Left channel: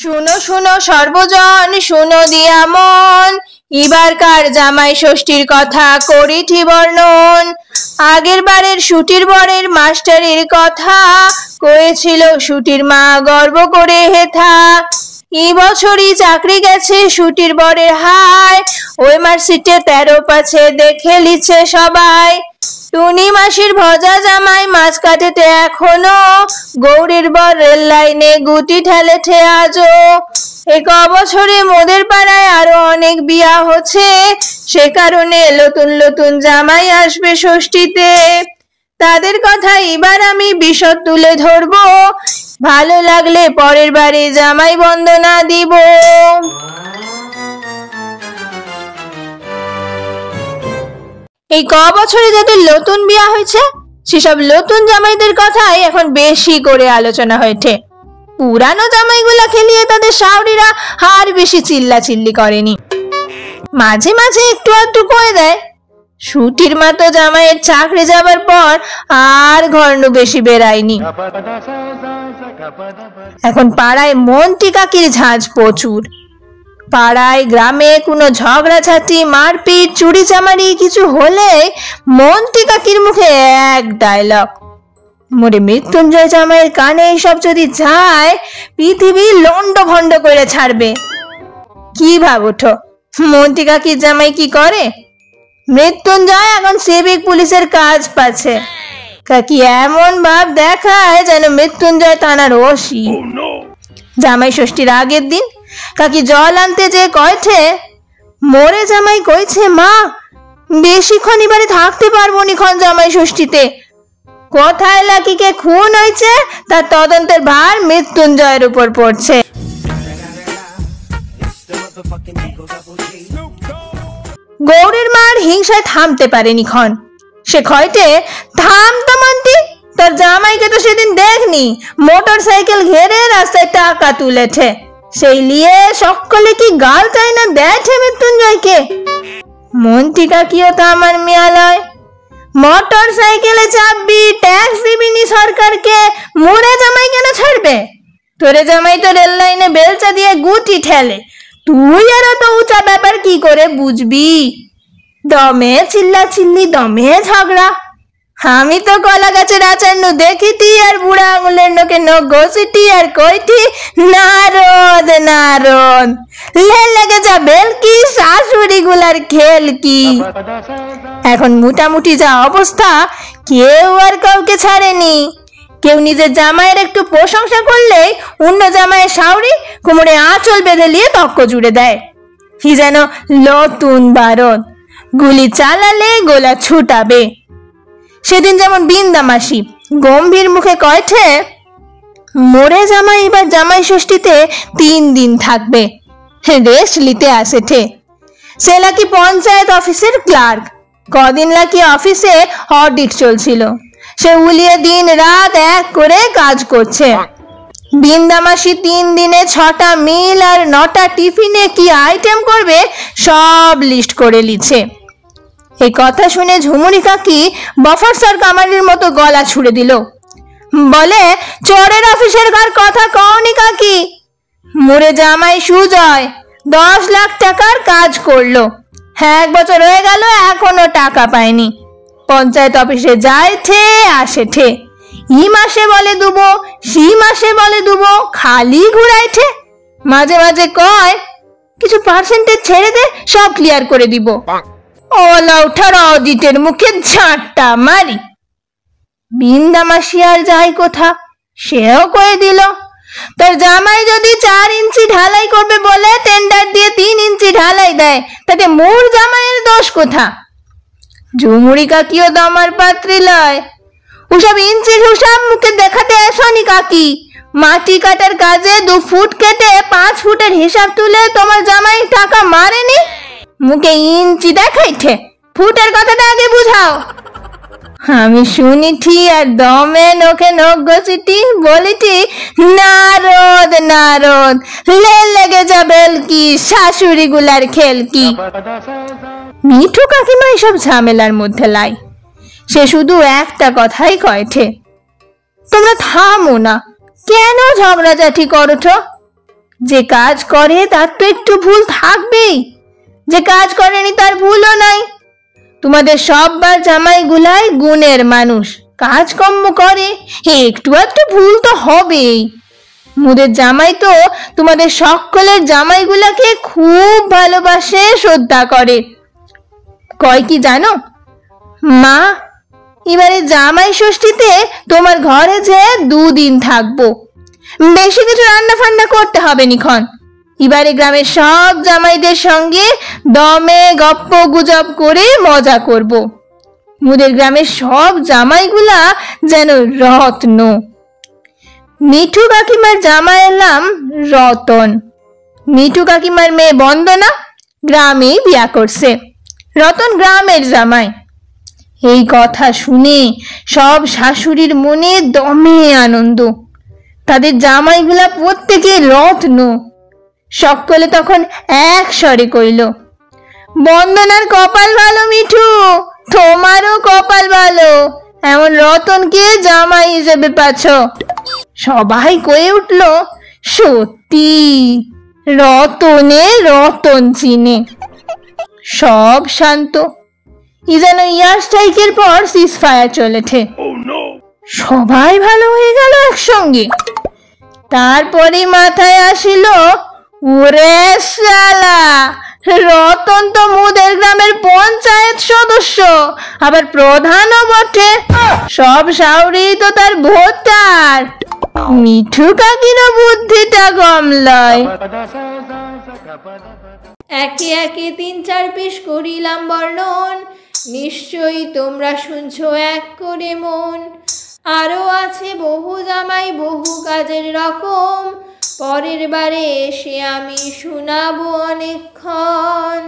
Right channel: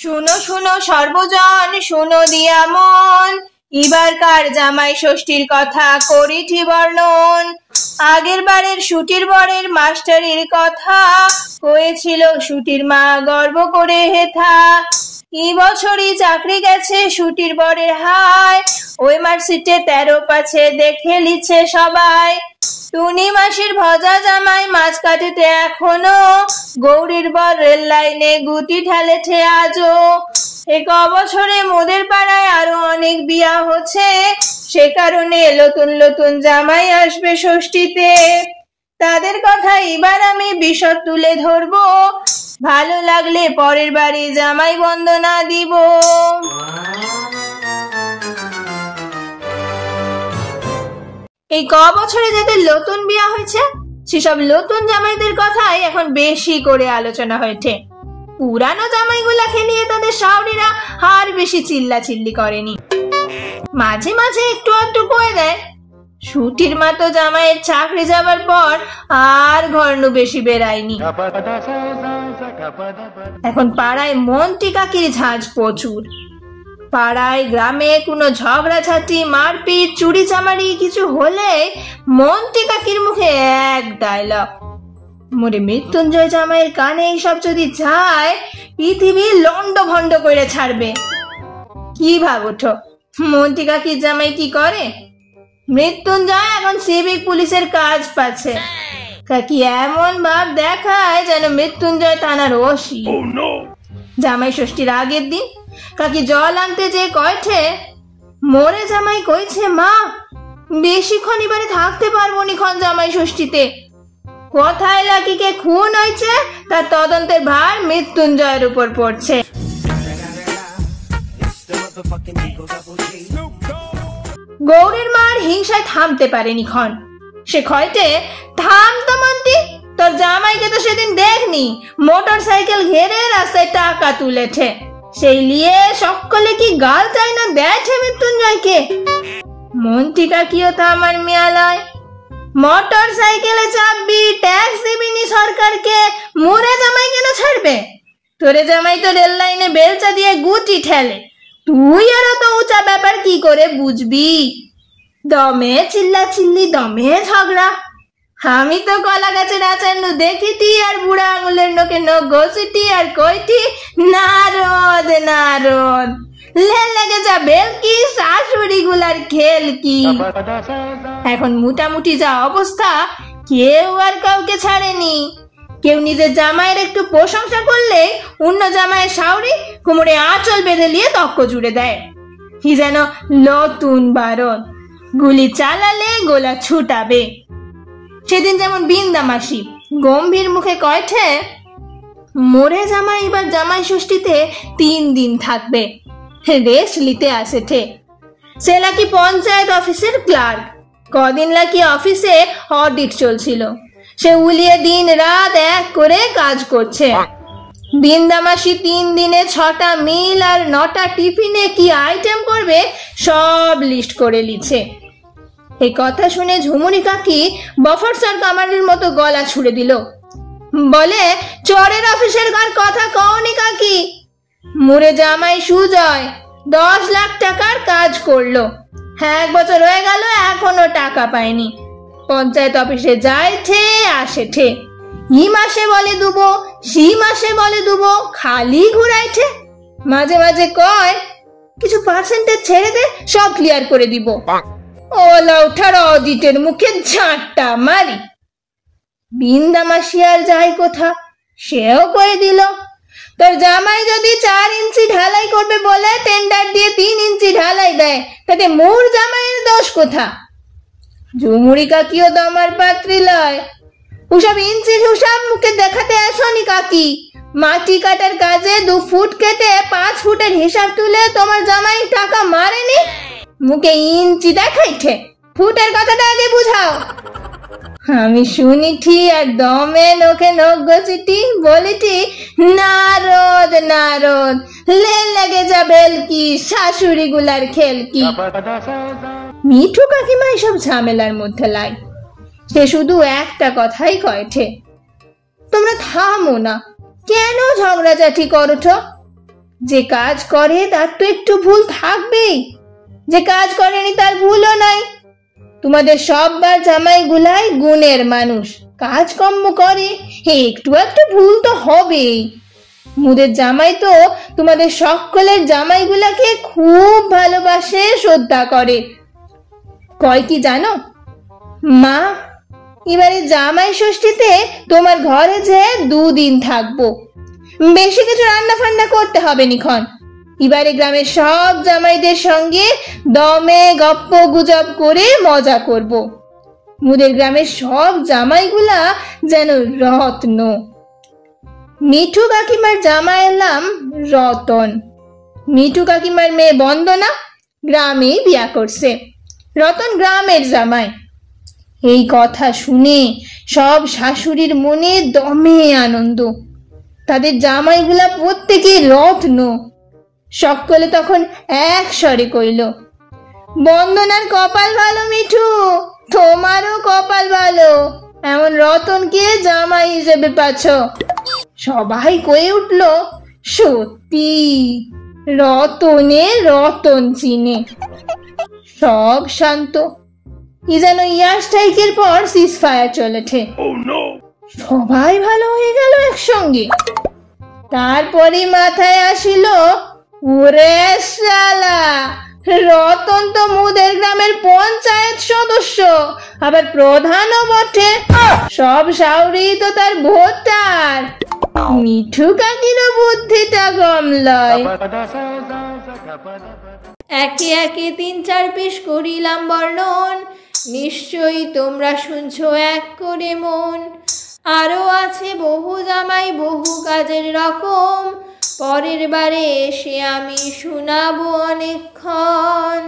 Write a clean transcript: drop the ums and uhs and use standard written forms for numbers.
শুনো শুনো সর্বজন, শুনো দিয়া মন, এবারকার জামাই ষষ্ঠীর কথা করিঠি বর্ণন। আগের বারের শুটির বরের মাস্টারের কথা কয়েছিল শুটির মা গর্ব করে হেথা। এই বছরই চাকরি গেছে শুটির বরের হায়, ওই মার্কশিটে 13 পাছে দেখে লিছে সবাই। টুনি মাসির ভজা জামাই মাছ কাটেতে এখনো, গৌরীর বর রেল লাইনে গুটি ঠেলেছে আজও। এই বছরে মোদের পাড়ায় আরো অনেক বিয়া হচ্ছে, সে কারণে নতুন নতুন জামাই আসবে ষষ্ঠীতে। তাদের কথা এবার আমি বিশদ তুলে ধরবো, ভালো লাগলে পরের বারে জামাই বন্দনা দিব। এই বছরে যাদের নতুন বিয়া হয়েছে সেসব নতুন জামাইদের কথাই এখন বেশি করে আলোচনা হয়েছে। পুরানো জামাইগুলা খেলিয়ে তাদের শাওরিরা আর বেশি চিল্লা চিল্লি করেনি, মাঝে মাঝে একটু একটু করে দেয়। শুটির মা তো জামাইয়ের চাকরি যাবার পর আর ঘর্ণ বেশি বেরায়নি। এখন পাড়ায় মন্টি কাকির ঝাঁজ প্রচুর। পাড়ায় গ্রামে কোনো ঝগড়াঝাটি মারপিট চুরি চামারি কিছু হলে মন্টি কাকির মুখে এক ডায়লগ, মোরে মৃত্যুঞ্জয় জামাইয়ের কানে এইসব যদি যায় পৃথিবী লন্ড ভন্ড করে ছাড়বে। কি ভাবুঠো মন্টি কাকির জামাই কি করে? মৃত্যুঞ্জয় এখন সিভিক পুলিশের কাজ পাচ্ছে। কাকি এমন ভাব দেখায় যেন মৃত্যুঞ্জয় থানার ওসি। জামাই ষষ্ঠীর আগের দিন কাকি জল আনতে যে কয়েছে, মোরে জামাই কইছে মা বেশিক্ষণ এবারে থাকতে পারবো নিক্ষণ জামাই ষষ্ঠীতে। কোথায় লাকিকে খুন হয়েছে তার তদন্তের ভার মৃত্যুঞ্জয়ের উপর পড়ছে। গৌরীর মার হিংসায় থামতে পারেনি ক্ষণ। সে কয়টে থাম তো মন্তি, তোর জামাইকে তো সেদিন দেখনি মোটর সাইকেল ঘেরে রাস্তায় টাকা তুলেছে, সেই লিয়ে সকলে কি গাল চাই না দেখে মৃত্যুঞ্জয়কে। মন্ত্রী কাকিও তো আমার মেয়ালয়, মোটর সাইকেলে চাপবি ট্যাক্স দিবিনি সরকারকে, মোরে জামাই কেন ছাড়বে? তোরে জামাই তো রেল লাইনে বেলচা দিয়ে গুটি ঠেলে, তুই আর অত উঁচা ব্যাপার কি করে বুঝবি? দমে চিল্লা চিল্লি, দমে ঝগড়া। আমি তো কলা গাছের আচার্য দেখিটি আর বুড়া আঙুলের নোকে নখ ঘষিটি আর কইটি নারদ নারদ, লেগে যাবে কি শাশুড়ি গুলার খেল কি। এখন মোটামুটি যা অবস্থা কেউ আর কাউকে ছাড়েনি। কেউ নিজের জামাইয়ের একটু প্রশংসা করলে অন্য জামাইয়ের শাওরি কোমরে আঁচল বেঁধে নিয়ে তক্ক জুড়ে দেয়। কি যেন নতুন বারদ, গুলি চালালে গোলা ছুটাবে। সেদিন যেমন বিন্দা মাসি গম্ভীর মুখে কয়েছে, মোরে জামাই এবার জামাই ষষ্ঠীতে 3 দিন থাকবে, রেস্ট নিতে আসেছে। সে নাকি পঞ্চায়েত অফিসের ক্লার্ক, কদিন নাকি অফিসে অডিট চলছিল, সে উলিয়ে দিন রাত এক করে কাজ করছে। বিন্দা মাসি 3 দিনে 6টা মিল আর 9টা টিফিনে কি আইটেম করবে সব লিস্ট করে লিছে। এই কথা শুনে ঝুমুরি কাকি বফরসর কামারের মতো গলা ছুড়ে দিল, বলে চোরের অফিসের ঘর কথা কওনি কাকি। মোরে জামাই সুজয় 10 লাখ টাকার কাজ করলো, 1 বছর হয়ে গেল এখনো টাকা পায়নি। পঞ্চায়েত অফিসে যায় ঠে আসে ঠে, ই মাসে বলে দুবো সি মাসে বলে দুবো, খালি ঘুরাইছে। মাঝে মাঝে কয় কিছু পার্সেন্টেজ ছেড়ে দে সব ক্লিয়ার করে দিব। ওলা উঠার অডিটের মুখে ঝাঁটটা মারি। বিন্দা মাসি আর যাই কোথা, সেও কয়ে দিল তার জামাই যদি 4 ইঞ্চি ঢালাই করবে বলে টেন্ডার দিয়ে 3 ইঞ্চি ঢালাই দেয়, তাতে মোর জামাইয়ের দোষ কোথা? ঝুমুরি কাকিও দমার পাত্রী লয়, ওসব ইঞ্চি হিসাব মুখে দেখাতে আসনি কাকি। মাটি কাটার কাজে 2 ফুট কেটে 5 ফুটের হিসাব তুলে তোমার জামাই টাকা মারেনি, মুখে ইঞ্চি দেখাইছে। ফুটের কথাটা আগে বুঝাও। আমি শুনিছি আর দমে নখে নখ ঘষিটি বলিটি নারদ নারদ, লেগে যাবে কি শাশুড়ি গুলার খেল কি। মিঠু কাকিমা এসব ঝামেলার মধ্যে লাই, সে শুধু একটা কথাই কয়েছে, তোমরা থামো না, কেন ঝগড়াঝাটি করছো? যে কাজ করে তার তো একটু ভুল থাকবেই, যে কাজ করেনি তার ভুলও নাই। তোমাদের সববার জামাইগুলাই গুণের মানুষ, কাজকর্ম করে, একটু একটু ভুল তো হবেই। মুদের জামাই তো তোমাদের সকলের জামাইগুলাকে খুব ভালোবাসে, শ্রদ্ধা করে। কয় কি জানো মা, এবারে জামাই ষষ্ঠীতে তোমার ঘরে যে 2 দিন থাকবো, বেশি কিছু রান্না ফান্না করতে হবে নিখন। এবারে গ্রামের সব জামাইদের সঙ্গে দমে গপ্প গুজব করে মজা করব। মুদের গ্রামের সব জামাইগুলা যেন রত্ন। মিঠু কাকিমার জামাইয়ের নাম রতন। মিঠু কাকিমার মেয়ে বন্দনা গ্রামেই বিয়া করছে, রতন গ্রামের জামাই। এই কথা শুনে সব শাশুড়ির মনে দমে আনন্দ। তাদের জামাইগুলা প্রত্যেকে রত্ন। সকলে তখন এক স্বরে কইল, বন্দনার কপাল ভালো মিঠু, তোমারও কপাল ভালো, এমন রতনকে জামাই হিসেবে পাচ্ছ। সবাই কয়ে উঠল, সত্যি রতনে রতন চিনে। সব শান্ত। ই যেন ইয়ার স্ট্রাইকের পর সিজফায়ার চলেছে। সবাই ভালো হয়ে গেল একসঙ্গে। তারপরে মাথায় আসিল, ওরে শালা, রতন তো মুদের গ্রামের পঞ্চায়েত সদস্য, আবার প্রধানও বটে। সব শাউরি তো তার ভোটার। মিঠু কাকিরও বুদ্ধিটা কম লয়। একে একে 3-4 পিস করিলাম বর্ণন, নিশ্চয়ই তোমরা শুনছো এক করে মন। আরো আছে বহু জামাই, বহু কাজের রকম, পরের বারে এসে আমি শোনাবো অনেকক্ষণ।